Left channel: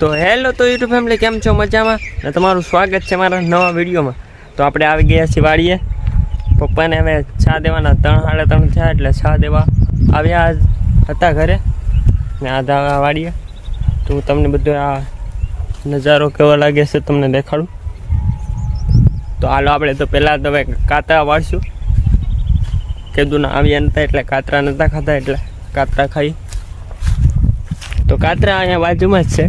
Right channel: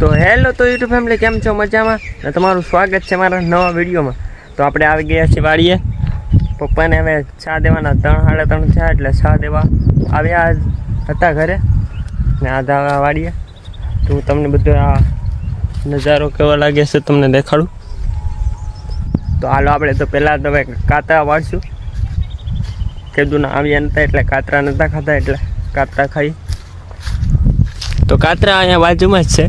તો હેલો તો YouTube family, કેમ છો? મજામાં ને? તમારું સ્વાગત છે મારા નવા વિડીયોમાં. તો આપણે આવી ગયા છીએ વાડીએ. પપ્પાને હવે ચા દેવાના 3:30 થયા, એટલે ચા દેવા આવ્યા હતા ઘરે ને આ વાડીએ. તો હું તમને બધો આ નજારો કેવો લાગે છે તમને દેખાડું. તો હાલો આપણે તો પહેલાં તો હવે કાતરા વાળશું. કીધું ના આવ્યા નહોતા એટલે કાતરા નહોતા ખાતા, એટલે કાતરા ખાઈ. તો કાતરા અહીંયા બાજુમાં જ છે.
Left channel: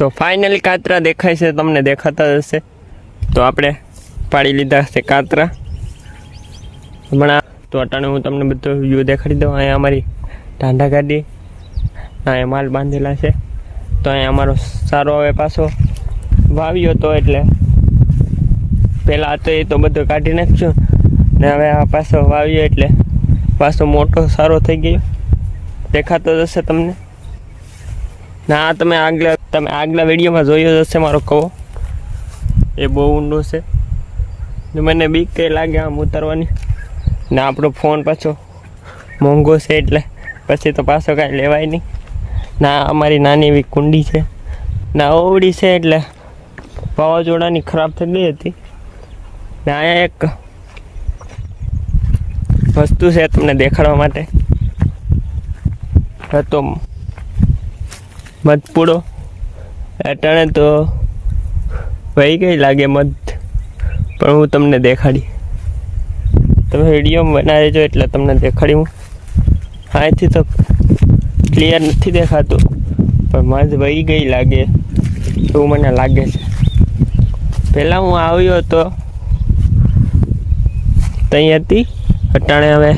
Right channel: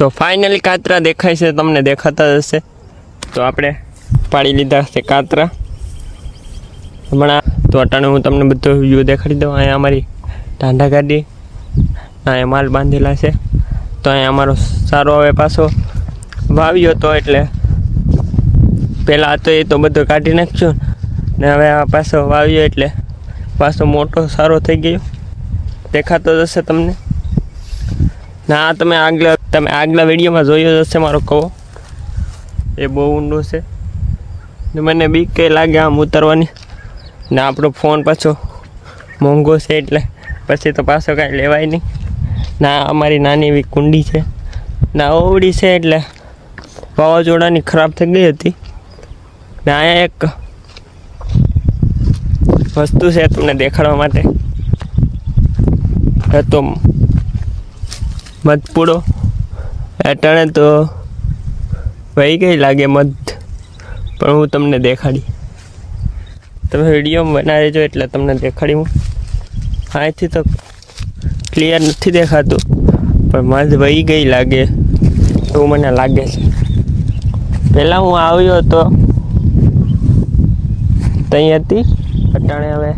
તો ફાઇનલી કાતરા દેખાય છે, તમને દેખાતા જ હશે. તો આપણે પાડી લીધા છે કાતરા હમણાં. તો અટાણે હું તમને બધો વ્યૂ દેખાડી દઉં. અહીંયા અમારી ટાંડા ગાડી, અહીંયા માલ બાંધેલા છે. તો અહીંયા અમારો સારો હવે પાછો વાવ્યો હતો, એટલે પહેલાં હતો એ તો બધો કાઢી નાખ્યો ને હવે આ પાછો વાવ્યો એટલે પાછો મોટો સારો થઈ ગયો. દેખાતો જ હશે તમને. ના તમે આગલા વિડીયોમાં જોયો જ હશે મારો કવો. એ બહુ ઊંડો છે ને મને બીક કંઈ લાગે આમ ઉતરવાની. ને આપણો ફોન પાછો મોંઘો છે, એટલે પછી તો પાછો કાંઈ લેવાય નહીં. ના અમારી નાની એવી કુંડી છે, ના ઓવડી છે, એટલે વાવાઝોડાની ખરાબ થઈ ગઈ હતી. ને અહીંયા એક વસ્તુ છે તમને દેખાડવા માટે. તો મધપૂડો અટાણે તો વહી ગઈ લાગે મધ, પણ હું તમને દેખાડી. તમે વિડીયોમાં બનાવી જો એટલે તમને દેખાડી હું. અહીંથી તો ક્લિયર નથી દેખાતું, પણ મધ વહી ગઈ લાગે એવું મને લાગે છે. પહેલાં હું આવ્યો હતો ત્યાં હતી, અટાણે હવે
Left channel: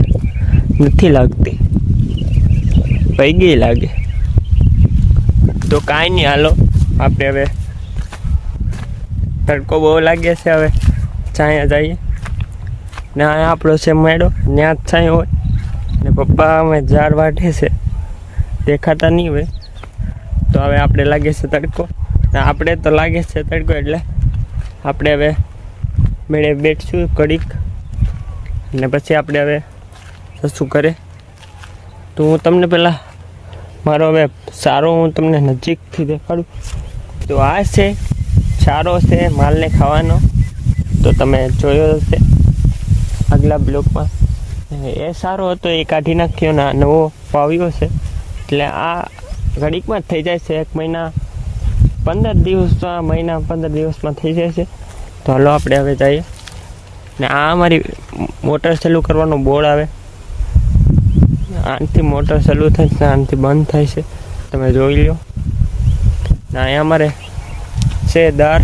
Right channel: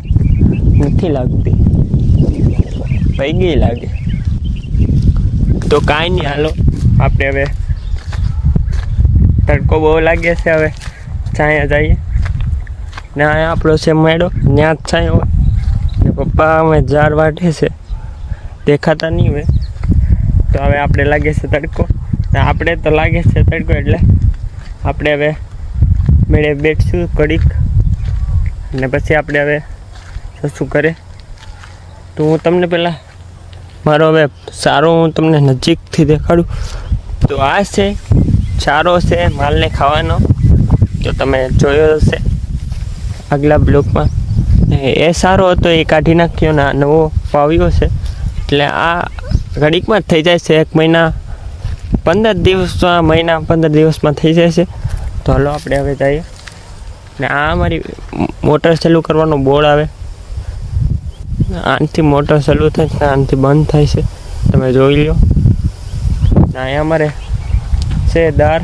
નથી લાગતી, વહી ગઈ લાગે. તો કાંઈ નહીં, હાલો આપણે હવે તડકો બહુ લાગે છે, હવે છાંયા જઈએ. ને અહીંયા આપણો છે મેળો, ત્યાં જ છાંયો હોય. ને પપ્પા અમે ઝાડ વાટે છે, દેખાતા નહીં હોય. તો હવે આપણે લાગે છે તડકો, ને આપણે તો લાગે છે તડકો, એટલે આપણે હવે મેળે બેઠશું કડીક, ને પછી આપણે હવે શું કરે. તો હું તમને પહેલાં મારો હવે સારો હું તમને નજીકથી દેખાડું. તો આ છે સારો છે માલને ખાવાનો, તો તમે જોયો હશે આગલા બ્લોકમાં. એ સારો હતો એ કાઢી નાખ્યો ને નવો વાવ્યો છે, એટલે આ ઘડીકમાં જ થઈ જાય છે. 1 મહિના 15 દિવસ, 15 દિવસમાં થઈ જાય છે. તો હાલો આપણે હવે જઈએ. ને આ અમારી મોટર ચાલુ કરવાનો બોર્ડ આવે. આનાથી મોટર ચાલુ થાય છે, આનાથી બંધ થાય છે, તમે જોઈ લો. ને અહીંયા અમારે છે દાર,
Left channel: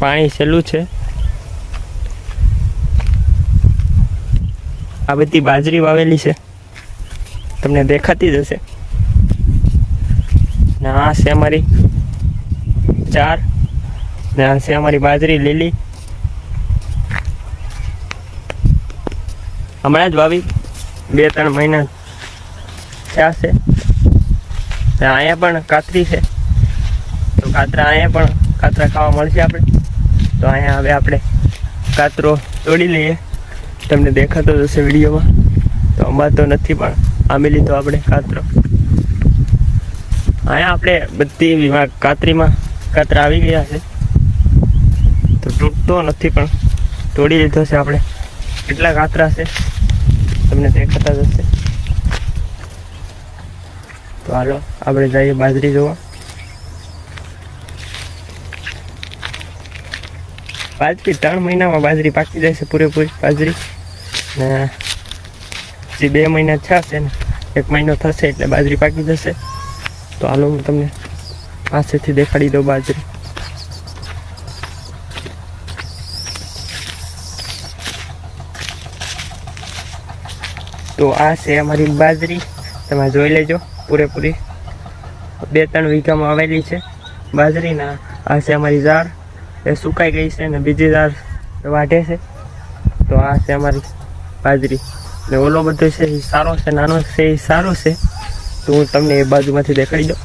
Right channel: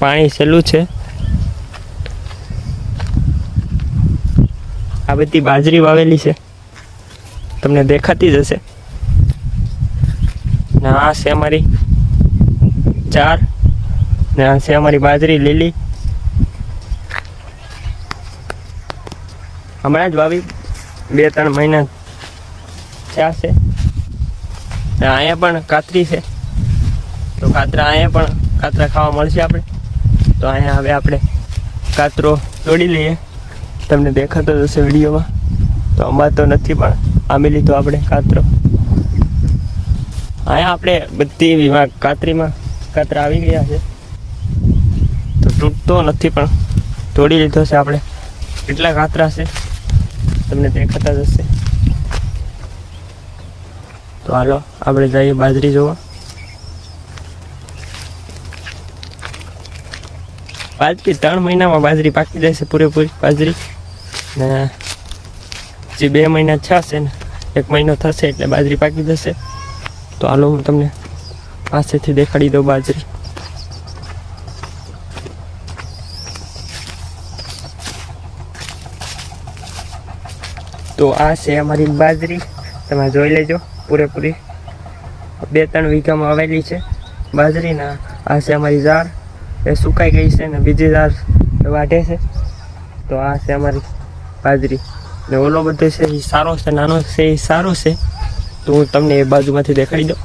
પાણી ચાલુ છે. આ બધી બાજરી વાવેલી છે, તમને દેખાતી જ હશે. ને આ છે અમારી ચાર, ને આ છે અમારી બાજરી લીલી. હમણાં જ વાવી 2-3 મહિના થયા છે. અહીંયા પણ કાતરી છે, તો અહીંયા પણ કાતરા ખાવા મળશે આપણે. તો અહીંયા હવે આપણે કાતરો તોડી લઈએ, તમને દેખાતો હશે વિડીયોમાં. તો આમાં તો નથી, પણ આંબી લીધો આપણે કાતરો. અહીંયા આપણે બધી કાતરીમાં કાતરા આવી ગયા છે, તો તૂટતો નથી, પણ તોડી લીધો છે આપણે. કેટલા કાતરા છે તમને દેખાતા જ હશે. તો હાલો આપણે જઈએ બાજરી જોવા. બાજરી 3 મહિનામાં બાજરી પાકી જાય છે, પૂરેપૂરી બાજરી. ને જે 2 મહિના થશે ને 1 મહિનો થશે એટલે બાજરી પાકી જશે. તો હાલો હું તમને પાસેથી દેખાડી દઉં બાજરી. તો આ છે અમારી બાજરી, તમે જોઈ લેજો. પૂરેપૂરી 2-3 વીઘામાં વાવેલી છે બાજરીના. આ છે અમારી ઝાડ, એ સુકાઈ ગઈ છે, ને બીજી ઝાડ વાઢે છે. તો આ છે અમારી બાજરી. ને ઓલો બધો છે એ સારો છે, નાનો છે એ સારો છે. તો હું તમને એ બાજુમાંથી દેખાડી દઉં.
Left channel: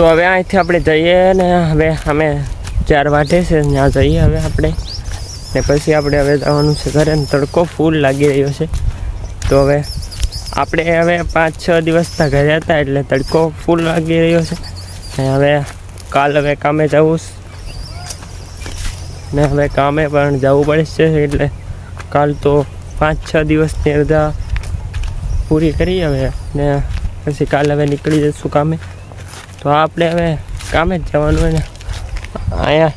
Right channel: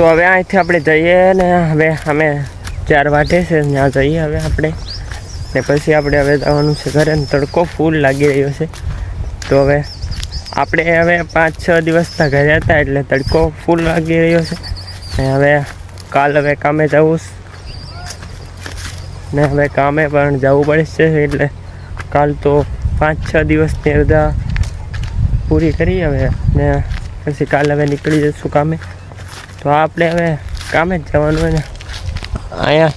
તો હવે અહીંથી આપણે જઈએ ને હવે અમે 4 વાગે છે ત્યાં જઈએ હવે આપણે ને પછી આપણે હવે જવાનું છે ઘરે. તડકો ફૂલ લાગી રહ્યો છે. તો હવે આપણે હવે 5-6 દિવસના ઘરે હતા એટલે તડકો ફૂલ લાગી રહ્યો છે ને હવે કાલ હવે કામે જવું ને હવે કામે પણ જવું પડશે એટલે કાલ તો 5-6 દિવસની રજા પૂરી કરી હવે ને પછી કાલ હવે નીકળી જઈશું કામે. તો આપણે હવે કામે જ જવાનું હોય ને. અહીંયા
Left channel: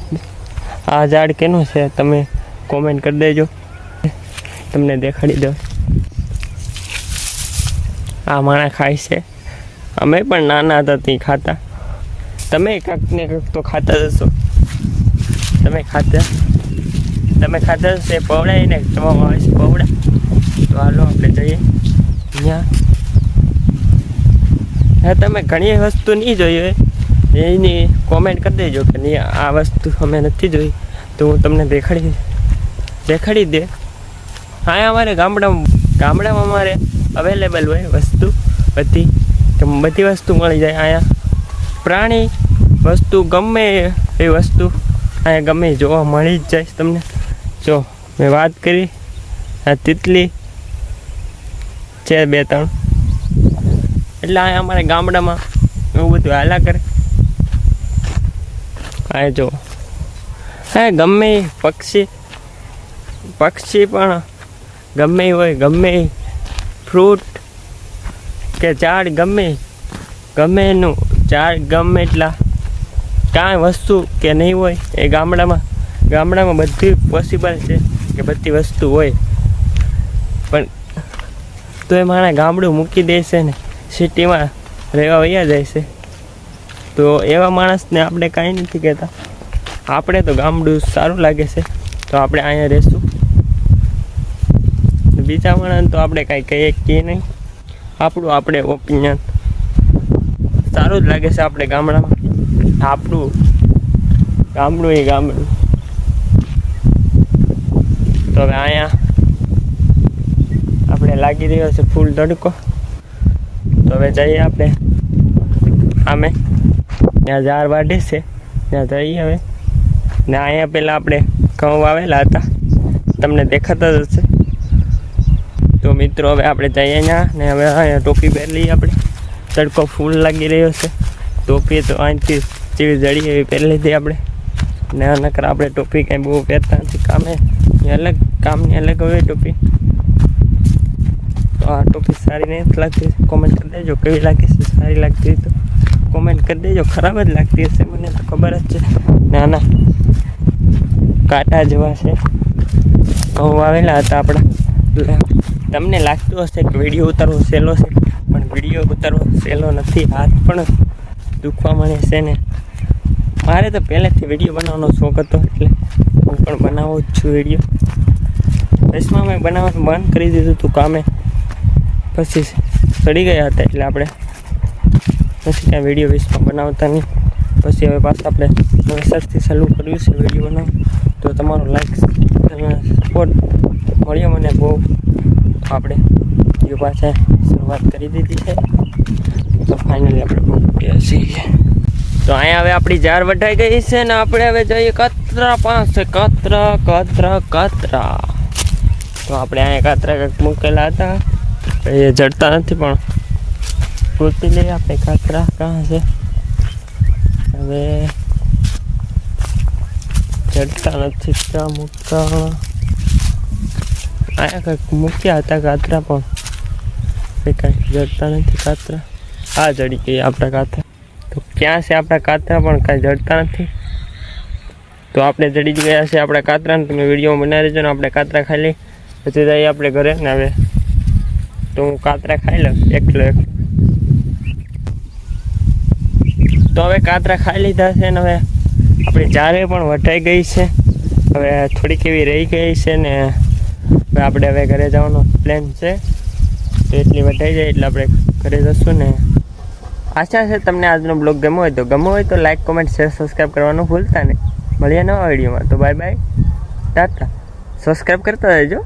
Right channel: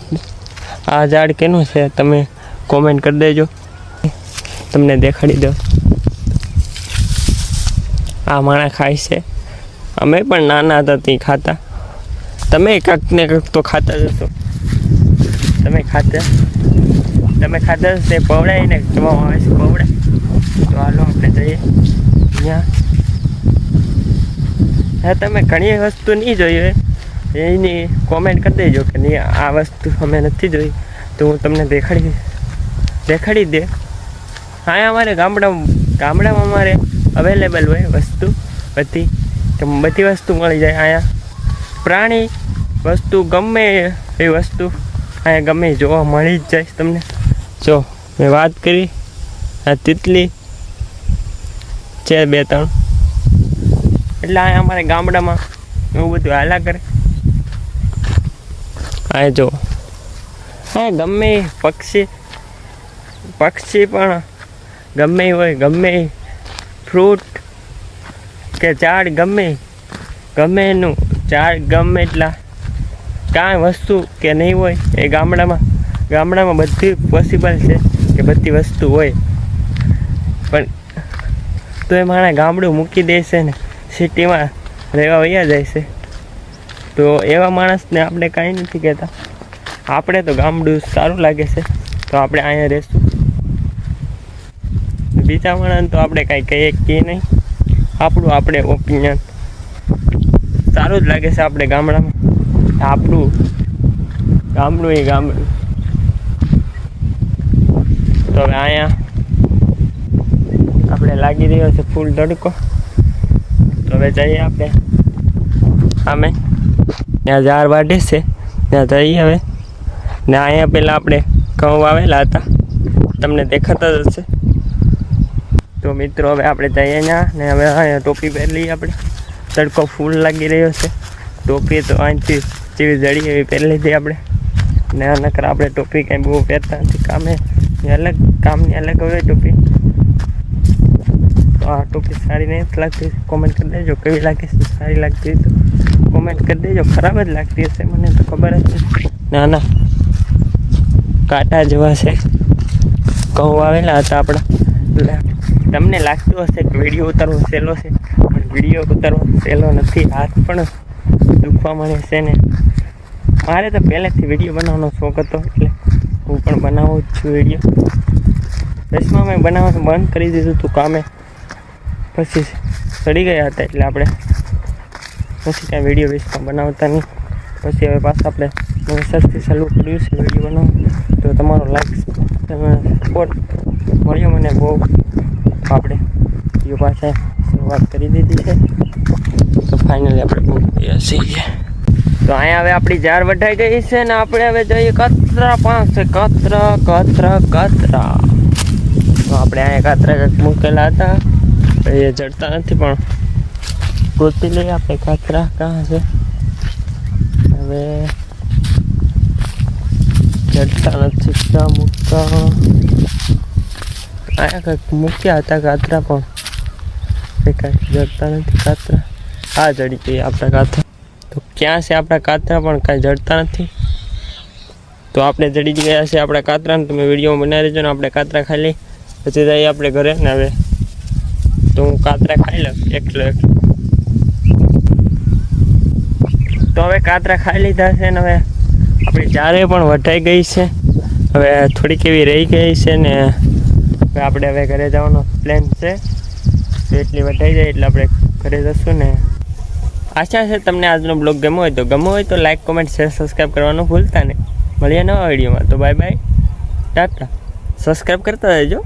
આ ઝાડ કેનું છે તમે કોમેન્ટ કરી દેજો, તમને દેખાડી દો. આ માણા ખાય છે. અમે પણ નાના હતા ત્યાં ખાતા. તમે કંઈક ને કંઈક તો ખાતા જશો. તમે ખાતા હશે પવડાય ને તમારા આવે છે પવડા. તો હાલો આપણે જઈએ ત્યાં. હા, તમે ઘણી વસ્તુ નહીં જોઈ હોય એની કોમેન્ટ કરી દેજો કે નહીં આ વસ્તુ અમે નથી જોઈ તો હું તમને દેખાડી દે. હા, અમારે ગામડામાં અમારે અવેલેબલ હોય વસ્તુ બધી વસ્તુ મળી જાય. અહીંયા પ્રાણી વસ્તુ ગમે એ વસ્તુ અહીંયા ગમે જોવા મળી જ જાય તમને. જો મેં વાત કરી આ તિતલી છે 2-3 એટલે અહીંયા અમારે ગામડામાં એવું બધું હાલા કરે. હા જો હા ગમે પક્ષી પણ ગમે હોય, ગમે ફ્રૂટ કે ઝાડ ગમે એનું ઝાડ ગમે એટલા કાંઈ વસ્તુ કે નહીં હોય એ ગામડામાં બધી પોસિબલ છે કે બધી વસ્તુ હોય. પણ તો એ મારા ગામડું મૂકી દેશે ને સિટીમાં રહેવા વયા જાય છે. તો એવા માણસને આપણે કાંઈ નથી કહેતા. આપણે તો ગામડું સારું લાગે છે તો આપણે અહીંયા રહેશું. બીજા માણસને તો આપણે કાંઈ કહીએ નહીં. આપણે ઓપિનિયન સારું જ લાગે છે. આપણે ગામડામાં આપણું ગામડું એ ગામડું. તો હવે અહીંયા આપણે લાગી રહ્યો છે ફૂલ તડકો. તો હવે જઈએ આપણે આમે ત્યાં 4 વાગે છે ત્યાં જઈએ હવે ને. અહીંયા પહેલાં આપણે ઘઉં વાવેલા હતા તમને દેખાતા જ હશે. તો મિત્રો હવે આપણે જઈએ ત્યાં ને હવે અહીંયા ટોપી પહેરી લઈએ આપણે. તડકો ફૂલ લાગી રહ્યો છે. ટોપી તો અહીંથી જેવી જડી એવી પહેરી લીધી આપણે ને. નકર આપણે ટોપી કાંઈ બહુ પહેરતા નથી. કામની અલગ હોય ટોપી. તો આ ટોપી સારી નહીં લાગતી કોમેન્ટ કરી દેજો કેવી લાગે છે. સારી લાગતી હોય તો કોમેન્ટ કરી દેજો. ખરાબ જ લાગતી હશે મને તો ખબર જ છે. ના કાંટા જેવા છે. ઘઉં આવેલા હતા આપણા એટલે તમને લાગતું હશે કે વિડીયો ઉતારવો સહેલો છે પણ વિડીયો ઉતારવો સહેલો નથી. હાથ પણ દુખવા મળે છે ને. મારે તો પહેલેથી વિડીયો બનાવવાનો શોખ હતો એટલે હું પણ બનાવું જ છું વિડીયો. દસમાં મેં બનાવવાનું બંધ કરી દીધું હતું કામે પછી ચડી ગયા હતા એટલે આપણે પછી કાંઈ વિડીયો બેસમાં બનાવતા નહીં. પછી હવે પાછા આપણે નવેસરથી ચાલુ કર્યું છે વિડીયો બનાવવું. તો તમારો લાઈક સપોર્ટ મળ્યો મને બહુ. આપણે વિડીયો પાછા શરૂઆત કરી દીધી છે. તો ફાઇનલી આપણે બહુ છીએ. તો અહીંયા હવે આપણી 4 વઢાઈ ગઈ છે ને આપણે હવે જઈએ કતરા પાસે. કતરા તો આપણે અહીંયા કતરા કંઈક મૂકેલા હતા એ જડતા નથી પણ ગોતી લઈએ આપણે. કાતરા કાં છે હવે જડતા નથી. ક્યાં મૂકતા અહીંયા કંઈક મૂક્યા હતા કાતરા પણ એ કાંઈ જડતા નથી. કાતરા આ જડી ગઈ આપણા કાતરા. તો ક્યાં છે આપણા કાતરા પણ કાંઈ જડતા નથી. તો આપણે જડી જ ગયા છે આપણા કાતરાને. તમે વિડીયોમાં બનાવી દેજો ને. આપણે કાતરા ખાઈ લઈ પછી જઈએ આપણે ઘરે ને. હવે તો હું કાતરા ખાઈ લઉં એકલો. તો હવે કાતરા ખાઈ લીધા છે ને હવે આપણી 4 પણ વઢાઈ ગઈ છે. હવે થોડીક એવી રહી ગઈ છે ને હવે આપણે હવે ઘરે જવાનો પ્લાન છે. તો એટલી વઢાઈ જાય એટલે આપણે ઘરે જશું ને. આશા છે તમને આજનો બ્લોગ ગમ્યો હોય તો લાઈક કોમેન્ટ શેર સબસ્ક્રાઈબ કરવાનું ભૂલતા નહીં. મળીએ નવા વિડીયોમાં. તો બાય બાય ટાટા. સબસ્ક્રાઈબ કરતા રહેજો.